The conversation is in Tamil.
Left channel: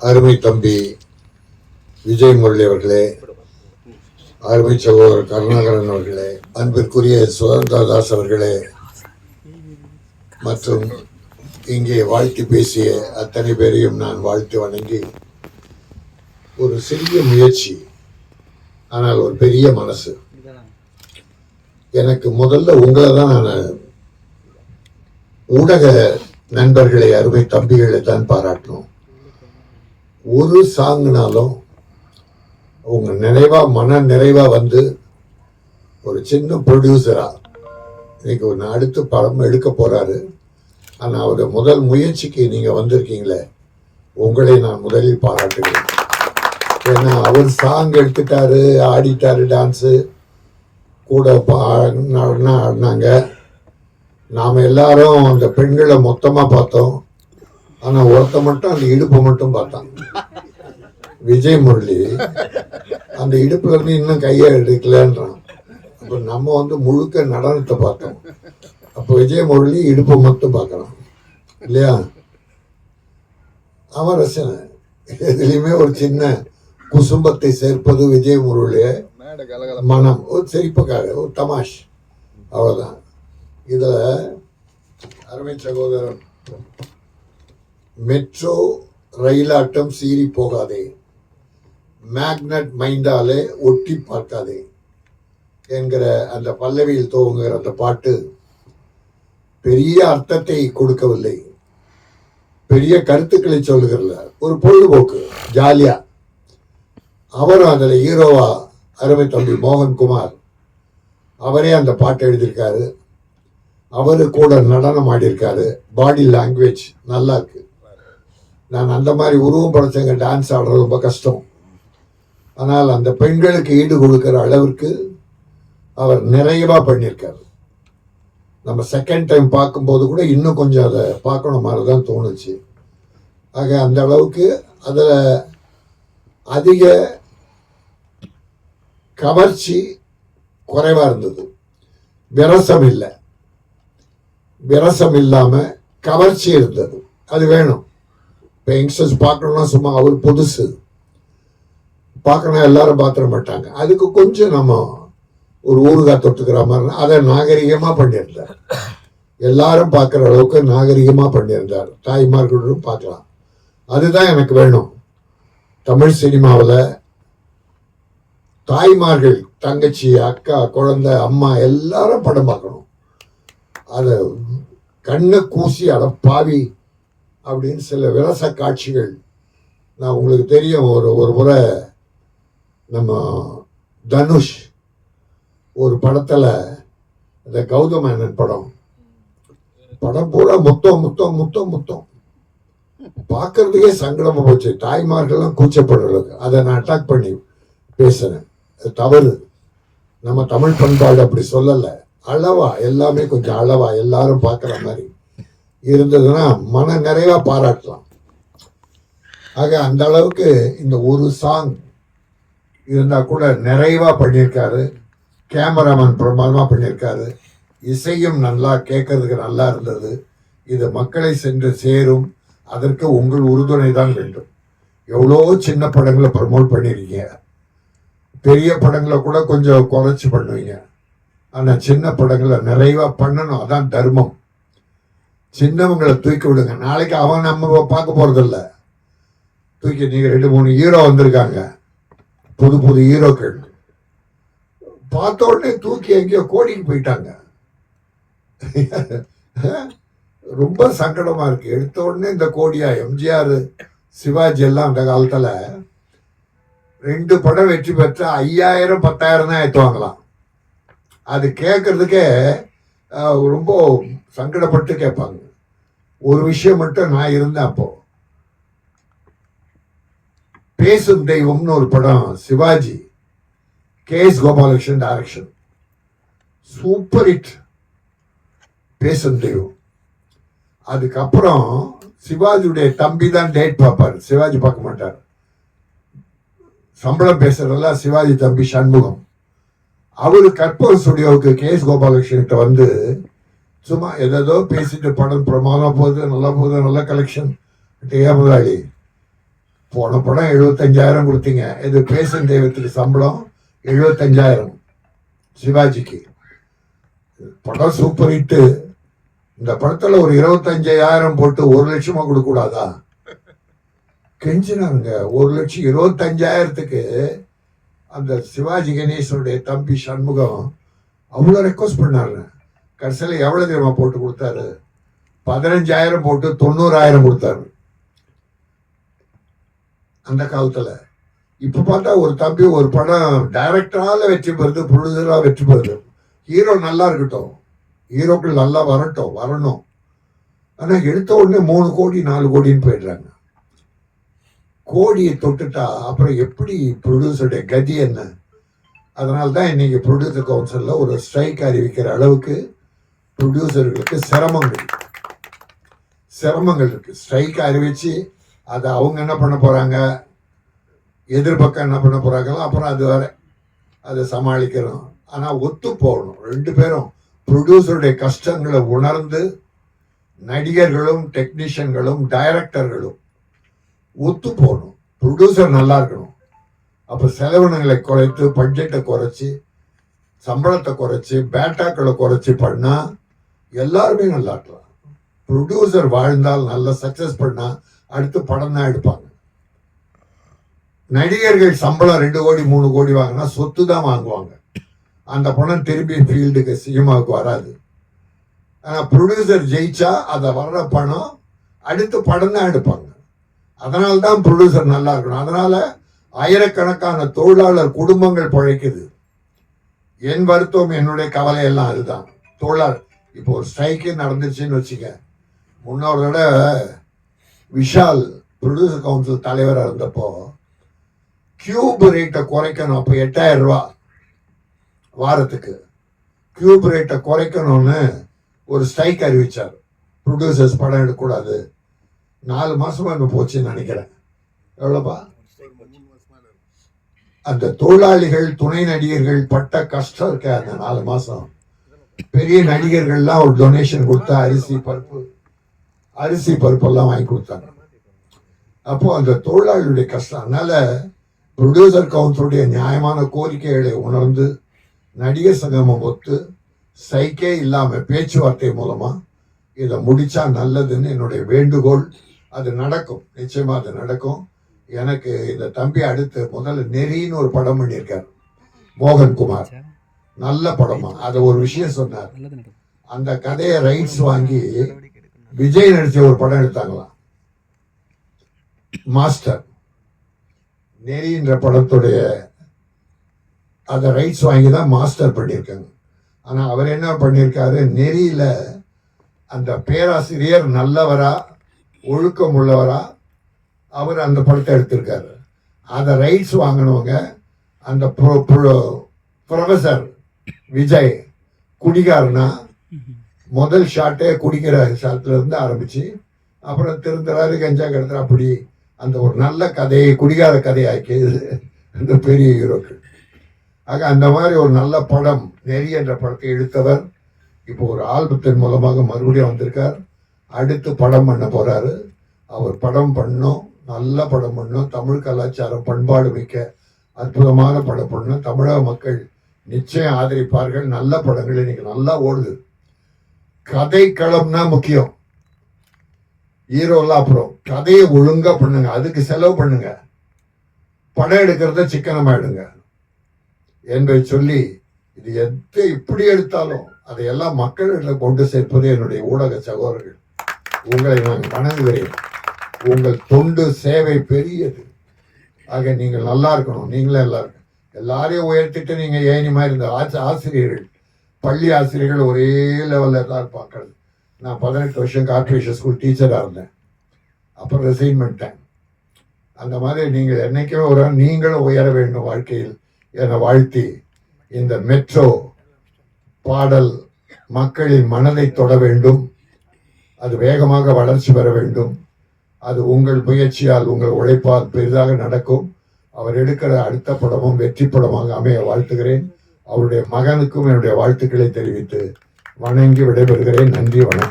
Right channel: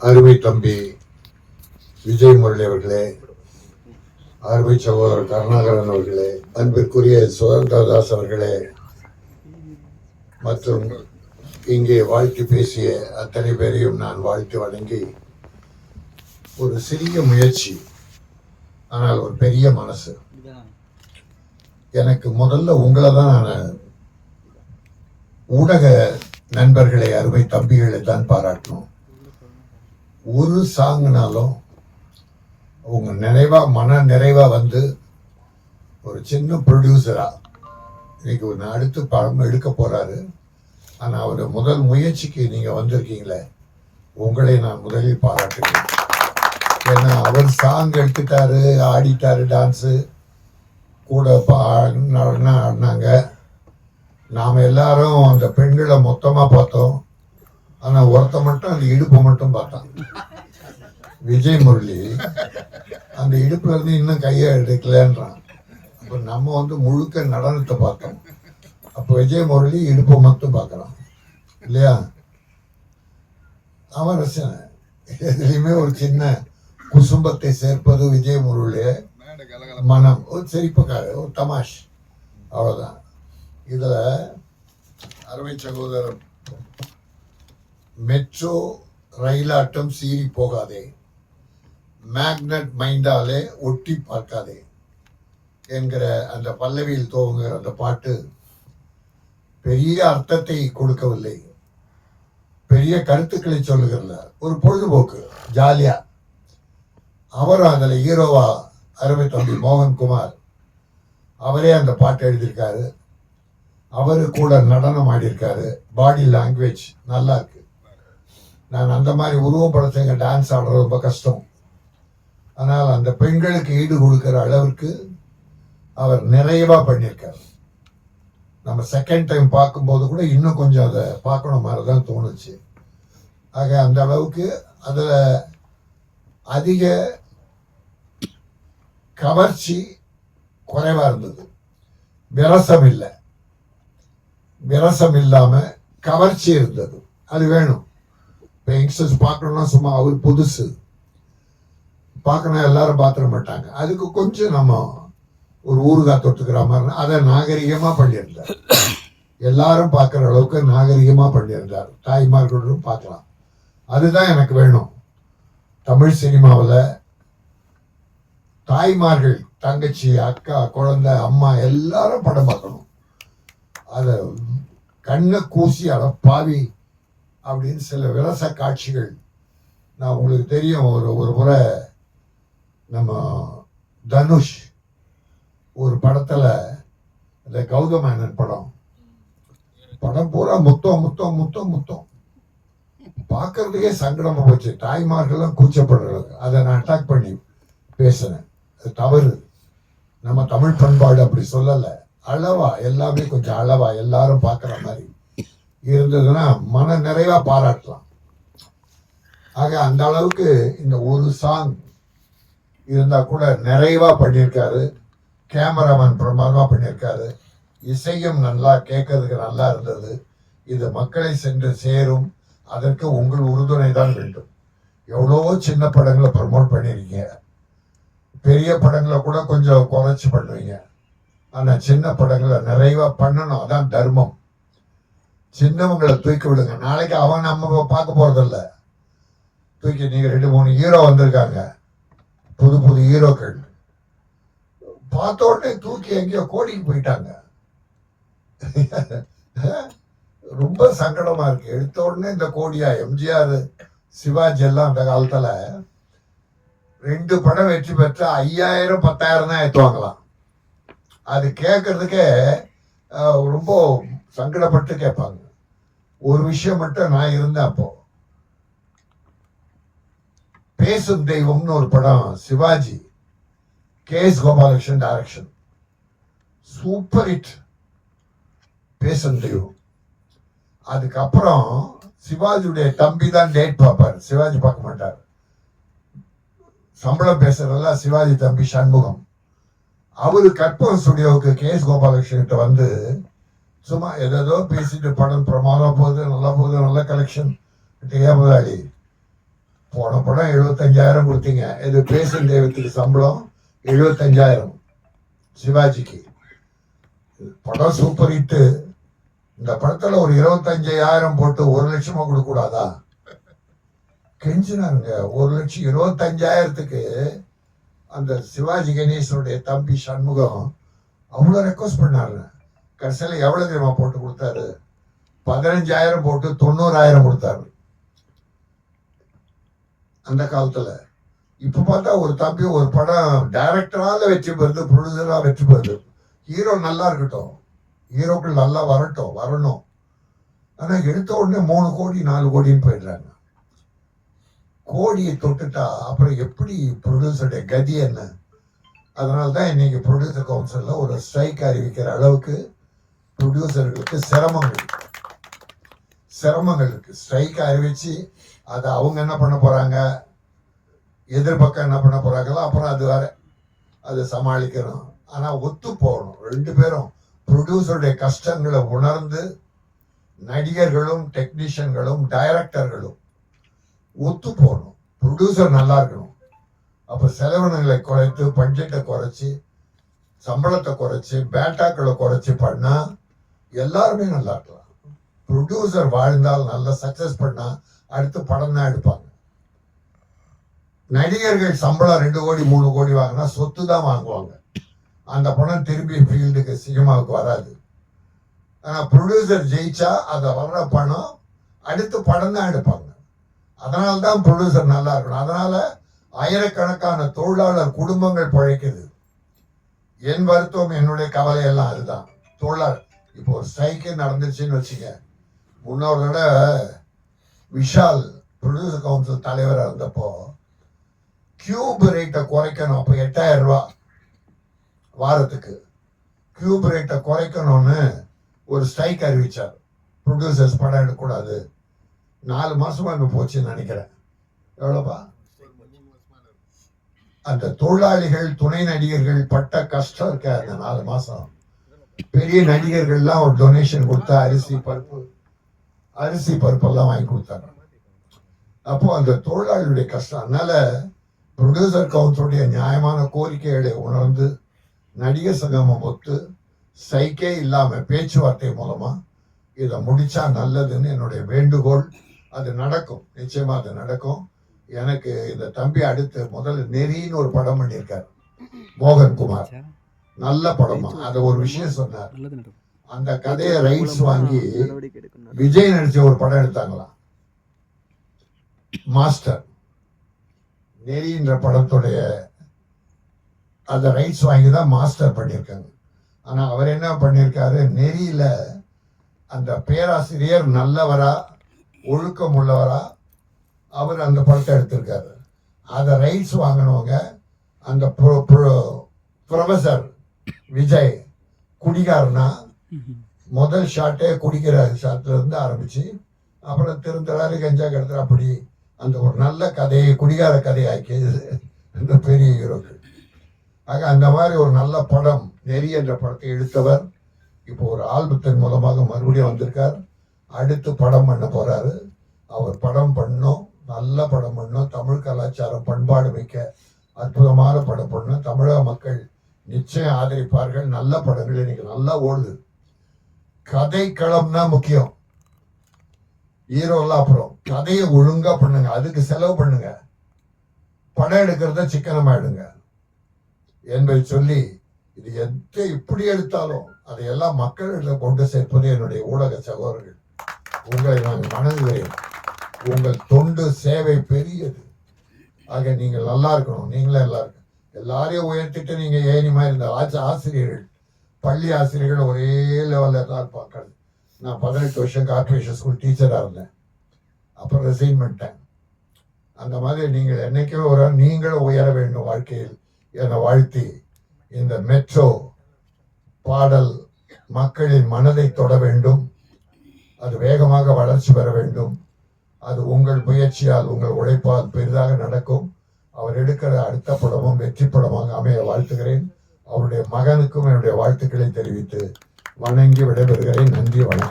அருமை தம்பி விஜய் முரளி அவர்களே அருமை சகோதரர் கருணாகரன் அவர்களே அன்பிற்குரிய சுதந்திரதாஸ் அவர்களே மற்றும் இங்கே வாழ்த்து பேசிய அத்தனை பேரையும் நான் வாழ்த்து வணங்கி ஒரு சிறிய முயற்சி ஆனால் ஒரு பெரிய மனசு. எனக்கு முதல்ல உங்களை தான் நான் ஊடக நண்பர்களை அருமை தம்பிகளை தான் பாராட்டணும். ஒரு சாங்னாலும் உங்கள் நினைவாக மன நிறைவாக வந்து ஒரு சின்ன ப்ரொடியூசராக இன்னைக்கு ஒரு அடுத்து படம் எடுக்க போகிறாரு ஆனால் அவருடைய முதல் முயற்சிக்கு நீங்கள் வந்திருக்கீங்களே உங்களை நான் முதலில் பாராட்டுகிறேன். ஏன்னா அவர் சாங் எடுத்துட்டாரு ஆடிட்டாரு டான்ஸு கூட பாடினா ஆடினாங்க. நாம் எல்லாரும் அந்த பெண்களை மொத்தமாக பார்த்தோம். ஆனால் ஒருத்த மட்டும் அந்த இடுப்பு மட்டும் பார்த்தான். விஜய் முரளி அந்த இடுப்புல இருந்து இன்னும் கையை எடுக்கலன்றான். அப்போ நம்ம வந்து முழுக்க நடனத்தை பார்த்தோம். அப்போ விஜய் முரளி இடுப்பை மட்டும் பார்க்குறான். இல்லையா? அவன் ரசனை எதுலேயுமே ஒரு சின்ன குசும்பத்தை சேர்ப்பது விஜய் முரளிய மனம். ஒரு சிரிப்புக்காக ஒரு தமாஷ். அவ்வளோதான் இதில் அருமை சகோதரர் மெட்ரோ ரயிலாட்டம் சீறி போகாதே. மேக்னட் மைண்டாலே ஒட்டி பார்க்காதே என்கிற அந்த பல்லவியில் துவங்குகிற அந்த பாட்டு பெரிய அர்த்தத்தை கொடுக்கவில்லை. பெரிய கருத்துக்களை சொல்லுகிறல ஒரு பொழுதுபோக்கு ஜாலியா. அவரும் அதில் ஹீரோவா அருமை தம்பி மோகன்குமார். அவரே அந்த பாட்டை எழுதியிருக்காரு. அவரு கூட நடனம் ஆடியிருக்காரு. பாடி லாங்குவேஜ் நல்லா இருக்கு. நான் அந்த மாதிரி உருவம் படைச்சவங்க டான்ஸ் ஆடுறது ரொம்ப கஷ்டம். ஆனால் அந்த பெண்களுக்கு ஈடு கொடுக்குற அளவிற்கு அவர் நிறைவாக பண்ணியிருக்காரு. நம்ம செகண்ட் டைம் பார்க்கும்போது கூட இன்னும் கொஞ்சம் அதை பார்க்கணும் மாதிரி தான் தோணுச்சு. ஆக அந்த அளவுக்கு அதில் அதிக கவர்ச்சி குறைவாக இருந்தது. விரசம் இல்லை. விரசம் இல்லாமல் கவர்ச்சி இருந்தது. அது வேணும். இப்போ யங்ஸ்டர்ஸ் பார்க்கணும்னா சும்மா அவர் புதுசு. பார்க்கணும் எல்லாரும் பார்த்துட மாட்டாங்க. அதுக்கு கொஞ்சம் நம்ம ஒரு ஊறுகாய் தொட்டுக்கிற மாதிரி அதை நாகரிகமாக பண்ணியிருந்தார். எல்லாரும் பார்க்குற அளவுக்கு நாகரிகமாக பண்ணியிருந்தார். தாய்மார்களும் பார்க்கலாம். அதுதான் எனக்கு வேணும். தமிழ் சினிமாவில் தாய்மார்கள் தங்கச்சி அக்கா குழந்தை அம்மா எல்லாரும் படம் பார்க்கணும். அதை கண்ணை கூசி அட பாவி அப்படின்னு சில விலச காட்சிகள் நான் உங்களுக்கு தெரியும் ஒரு ஒரு முறை நம்ம தனுஷ் ஒரு படத்தில் இந்த கௌதமேனன் படம். படம் பூரா முத்தம் முத்தம் முத்தம் முத்தம். பார்க்கறதுக்கே சங்கடமாக போச்சு. தாய்மார்கள்லாம் கூச்சப்படுறது அதை நான் அட்டாக் பண்ணி பேசுகிறேன் அது தவறு. நம்ம தமிழ் பண்பாடு அப்படி சொல்லலை. அளவா எல்லாமே கொஞ்சம் அளவா. எல்லாரும் பார்க்குற மாதிரி. இருந்ததுன்னா மன நிறைவா பாராட்டலாம். ஆக அந்த அளவுக்கு இந்த ஒரு சாங் இருந்தால் கூட நிறைவாக பண்ணியிருக்காரு. கேமராமேன் பிரமாதமாக பண்ணியிருக்காரு. இசையும் நல்லா கேட்கறதுக்கு நல்லா இருந்தது. இது மக்களை சென்று சேரும். அதற்கு உங்கள் உறுதுணை தான் வேண்டும். எவ்வளோ சின்ன படங்களை ப்ரமோட் பண்ணியிருக்கீங்க பெரிய படங்களை கூட கொஞ்சம் குறைச்சி பண்ணுவீங்க. ஆனால் சின்ன படங்களை நிறைவாக பண்ணணும். அதான் தர்மம். சின்னவங்களை தூக்கி விடுங்க. நாளைக்கு அவங்க நம்ம பார்க்க போகிறதில்ல தூக்கி நீங்கள் ரெண்டு மூணு ஹீரோ வந்திருக்காங்க. புது புது ஹீரோக்கள் பார்த்த உடனே தூக்கி எங்கேயோ கோடிக்கு போயிட்டாங்க. ரொம்ப சங்கடமா இருக்கு. எடுத்த உடனே இந்த கோடியா எம்ஜிஆர் சிவாஜி எல்லாம் அந்த காலத்துல ரெண்டு படம் வெற்றி பெற்றா ஐயாயிரம் பத்தாயிரம் தான் ஏற்றுவாங்களாம் அது கேட்கறதுக்கே ரொம்ப சங்கடப்பட்டு கேட்பாங்க. ஒரு விஷயம் மட்டும் நான் இருந்தேன் அப்போ. பேசும் தெய்வம்னு ஒரு படம் Sivaji K S Gopalakrishnan direction super hit Pesum Deivam. அதுக்கப்புறம் சிவாஜியுடைய தம்பி தான் டேட் பார்ப்பார். சிவாஜி பார்க்க மாட்டார். சம்பளம் பேசுறதெல்லாம் சிவாஜி தம்பி சண்முகம். அவரு கற்பூர ஸ்டுடியோவுக்கு கே எஸ் கோபாலகிருஷ்ணன்கிட்ட வந்து சும்மா ஏதோ பேசிட்டு படம் பிரமாதம் போகுது நல்லா போகுது நல்ல கலெக்ஷன் ஏன் முதலாளி போன படம் எழுபத்தஞ்சாயிரம் கொடுத்தீங்க. இது பேசும் தெய்வத்துக்கு சம்பளம் எழுபத்தஞ்சாயிரம். சிவாஜிக்கு. படம் சூப்பர் ஹிட்டு இந்த படத்துல ஒரு இருபத்தஞ்சாயிரம் போட்டு ஒரு லட்சமா கொடுக்க கூடாதா கெஞ்சினாங்க. ஒரு லட்சம் இருபத்தஞ்சாயிரத்துக்கு அந்த சிவாஜி கணேசனுடைய தம்பி சண்முகம் அவ்வளோ ரெக்வஸ்ட் பண்ணாருன்னு கடைசியில் எவ்வளோ தெரியுமா போட்டு கொடுத்தாரு? பதினஞ்சாயிரம் போட்டு தொண்ணூறாயிரம் கொடுத்தாரு. அந்த காலத்தில். இப்போ பார்த்தா ஒரு தம்பி ஒரு படம் டைரக்டராக வெற்றி பெறுது ப்ரொடியூசராக வெற்றி பெறுது. ஹீரோ நல்லா இருக்கட்டும். ஹீரோக்கள் நல்லா வரட்டும் வரணும். ஆனால் எடுத்த உடனே மூணு கோடி நாலு கோடின்னு போயிடுறாங்க. கோடியை தொட்டுட்டா அப்புறம் எப்படி ப்ரொடியூசருடைய கதி என்ன? அதனால தான் இன்னைக்கு ப்ரொடியூசர் கவுன்சிலில் ஒரு ஸ்ட்ரைக் அறிவிக்கிற அளவுக்கு ப்ரொடியூசர்களுக்கு சிரமங்கள் சிரமங்கள் இருக்கு. ஸ்ட்ரைக் அறிவிச்சு அதை அவங்க என்ன பண்ண போறாங்க? எதிர்பக்கம் என்ன பண்ண போறாங்களோ அப்புறம் அது வேற. அதை சமாளிக்கணும். ஆனால் ஒத்து போகணும். ரெண்டு பேரும் ப்ரொடியூசருடைய கஷ்டங்களை உணர்ந்து நடிகர்களும் டெக்னீஷியன்களும் டைரக்டர்களும் ஒத்து போகணும். ப்ரொடியூசர் நல்லா இருக்கணும். அப்போ செலவினங்களை குறைத்து பட்ஜெட்டை குறைச்சி சம்பளத்தை குறைச்சி பேட்டாக்களை குறைச்சி பண்ணால் எல்லாருமே நல்லா இருக்கலாம் ப்ரொடியூசர் வாழ்ந்தால் நல்லா சக்சஸ் பண்ணா அடுத்து படம் தான் எடுப்பாங்க. நடிகர்கள் சம்பளம் ரெண்டு கோடி மூணு கோடி வாங்கினா சொத்து தான் வாங்குவாங்க. அந்த பணம் திரும்பி ஃபீல்டுக்கு சினிமாவுக்கு வராது. ஆனால் ப்ரொடியூசர் ஜெயிச்சா அதை வர்ற பணம் அடுத்து படம் தான் எடுப்பாங்க. அதனால தான் ப்ரொடியூசர் நல்லா இருக்கணும். அதனால ஆயிரக்கணக்கான தொழிலாளர் குடும்பங்கள் பழைக்குது. என் வருத்தம் என்னுடைய கவலை எல்லாம் அதுதான். தொழிலாளர் இப்போ ஒரு ஸ்ட்ரைக்கு நடந்துச்சுன்னு வச்சுக்க முன்னோட விஷால் ப்ரொடியூசர் கவுன்சில் தலைவராக இருந்தப்போ கியூப் ரேட்டை குறைக்கணும். அப்போ எட்டாயிரம் ரூபா வாரத்துக்கு. கியூப் ரேட்டை குறைக்கணும்னு ஒரு ஸ்ட்ரைக் அறிவித்தார் ப்ரொடியூசர்ஸ் படம் எடுக்கக்கூடாது. நாலு மாதமாக இப்போ போச்சுன்னு நினைக்கிறேன். எவ்வளோப்பா? அந்த தொழிலாளிகள் துணை நடிகர்கள் பட்ட கஷ்டம் இருக்க அந்த நாலு மாதம் பெரிய நடிகர்கள்லாம் ஒரு டொனேஷன் கொடுத்தா அரிசி பருப்பு அரிசி பருப்பெல்லாம் வாங்கி கொடுத்தாங்க. அப்போ அந்த தொழிலாளியுடைய கஷ்டம். அதனால ப்ரொடியூசர் கவுன்சிலுடைய நியாயமான கோரிக்கைகளை உணர்ந்து நடிகர் சங்கமம் ஒத்து சைக்கே இல்லாம பேச்சுவார்த்தை மூலமா இதை முடிச்சா நல்லதுன்னு என்னுடைய வேண்டுகோள். அது நடக்கும். நிச்சயமா அது நடக்கும். எனக்கு இந்த தம்பி அடுத்து முதல்ல நெறின்னு ஒரு படம் பண்ணியிருக்கார். மோகன் குமார் நல்ல படமா. அது ஒரு விஷயம் சொன்னார். அந்த கதையை ரைட்ஸ் வாங்கி விஜய் நடிச்ச ஒரு படம் எடுத்தாங்களாம். மாஸ்டர் நெறின்ற படத்துடைய அந்த ரைட்ஸ் வாங்கி தான் மாஸ்டர் பண்ணியிருக்காங்க. ஆனா அவர் என்ன பண்ணியிருக்காரு? நெறியில அந்த பேராசிரியர் நல்லவரா ஒழுக்கம் உள்ளவரா அவர் அந்த படத்தை எடுத்திருக்காரு. அதை ரைட்ஸ் வாங்கினவங்க அந்த ப்ரொஃபசர் விஜய் குடிகாரனா? முதல் ஷாட்டே குடிக்கிற ஷாட்ல இருந்து ஆரம்பிச்சு அப்புறம் திருந்துறாரு கஞ்சா கிடத்துற அப்படி அந்த ஒரு நல்ல கதையை குடிகார கதையாக்கியது அந்த பெரிய ஹீரோக்கு. ஆக அந்த மாதிரி ஒரு நல்ல படம் நெறி என்ற படத்தை எடுத்தவர். இப்போ ஒரு ஆல்பத்தின் மூலமாக மறுபடியும் வந்திருக்கார். அடுத்து படம் பண்ண போறாரு. அவர் படம் பண்ணோம் நல்ல படம் பண்ணோம். தமிழ் கலாச்சாரம் பண்பாடு மிக்க அற்புதமான படம் பண்ணோம். தமிழக மக்கள் நிச்சயம் ஆதரிப்பார்கள். நல்ல படங்கள் இன்னைக்கு நல்லா ஓடுது. கதை களம்னா முக்கியம் ஹீரோலாம் அப்புறம் கதையை ஒழுங்கா பண்ணுங்க. அதுக்கு செலவு பண்ணுங்க. படம் எடுக்கிறத சிக்கனமாயிடுங்க. என்பதை சொல்லி இது எது இப்படி எடுத்தாலும் அதையெல்லாம் மக்களிடம் கொண்டு சேர்ப்பது என்னுடைய ஊடக சகோதரர்கள். உங்களை நான் வணங்குகிறேன். உங்கள் தொண்டு சேவை பெரியது. ஆக நீங்கள் நல்லா இருக்கணும். நீங்களே நல்லா இருக்கணும். எல்லாரையும் உயர்த்திட்டு நீங்க ஏனி மாதிரி இருந்த ஆச- ஆசிரியர்கள் பள்ளி ஆசிரியர்கள் ஒரே லெவலில் தான் இருப்பாங்க. நான் பதினெட்டு வருஷம் கார்பரேஷன் ஸ்கூல் டீச்சராக இருந்தேன். அப்புறம் ரிசைன் பண்ணிட்டேன். அந்த மாதிரி நீங்கள் என்னைக்குமே ஒரு நீங்களும் உயர வேண்டும் வாழ்க்கையில் என வாழ்த்தி இந்த மெட்ரோ பாடல் மக்களின் மனதை தொட வேண்டும். அது வேகமாக வளர்ச்சி பெற வேண்டும். அது உங்கள் முயற்சியால் உங்கள் உழைப்பால் பெரிதாக நடக்கும். அவர் எடுக்கிற அடுத்த படமும் வெற்றி படமாக அமைய வாழ்த்துகிறேன். அவருடைய மகனுக்கும் என்னுடைய வாழ்த்துக்களை தெரிவித்து வணங்கி விடைபெறுகிறேன். நன்றி வணக்கம்.